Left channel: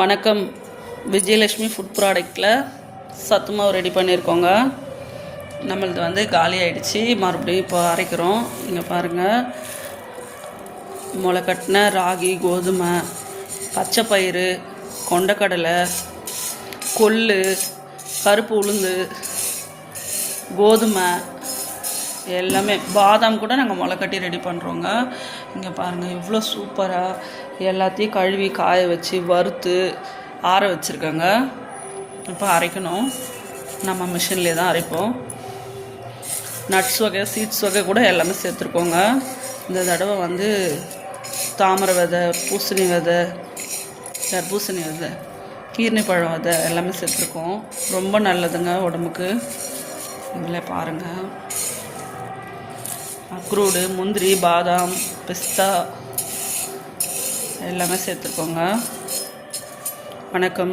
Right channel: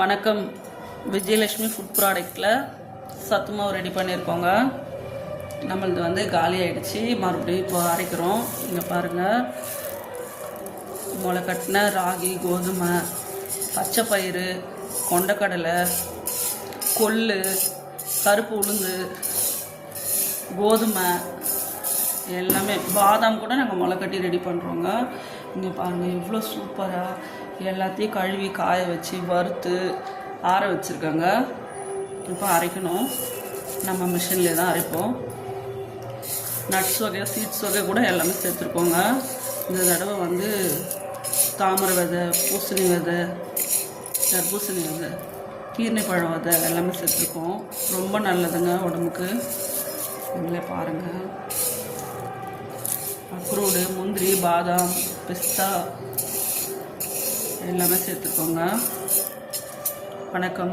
வணக்கம். விஜயலட்சுமி ஃபுட் ப்ராடக்ட்டில் சத்து மாவு ரெடி பண்ணியிருக்கோங்க. நம்மளது காலி ஆகிடுச்சு. மறுபடியும் இப்போ அரைக்கிறோம். இங்கே பாருங்கள், முளைக்கட்டின ராகி, கோதுமை, பச்சை பயிறு, கொண்டக்கடலை, கொள்ளு, கருப்பு உளுந்து, கோதுமை எல்லாமே, பாதாம் கூட நாங்கள் முளைக்கட்டி ரெடி பண்ணுறோங்க. இங்கே பாருங்கள், இவ்வளோ சூப்பராக எல்லாத்தையும் கழுவி காய வச்சு வறுத்து ஆற வச்சுருக்கேங்க. இப்போ அரைக்கணும். நம்ம மிஷின்லேயே தான் அரைப்போம். நட்ஸ் வகை, சீட்ஸ் வகை கூட எல்லாமே சேர்த்துருக்கோங்க. இந்த தடவை தாமரை விதை, பூசணி விதை, தர்பூசணி விதை, கீர்னி பழம் விதை எல்லாமே சேர்த்துருக்கோம். ரொம்ப நல்லதுங்க உடம்புக்கு. இதில் பாருங்கள், அக்ரூடு, முந்திரி, பாதாம், பிஸ்தா எல்லாமே சேர்த்துக்கோங்க. வணக்கம்.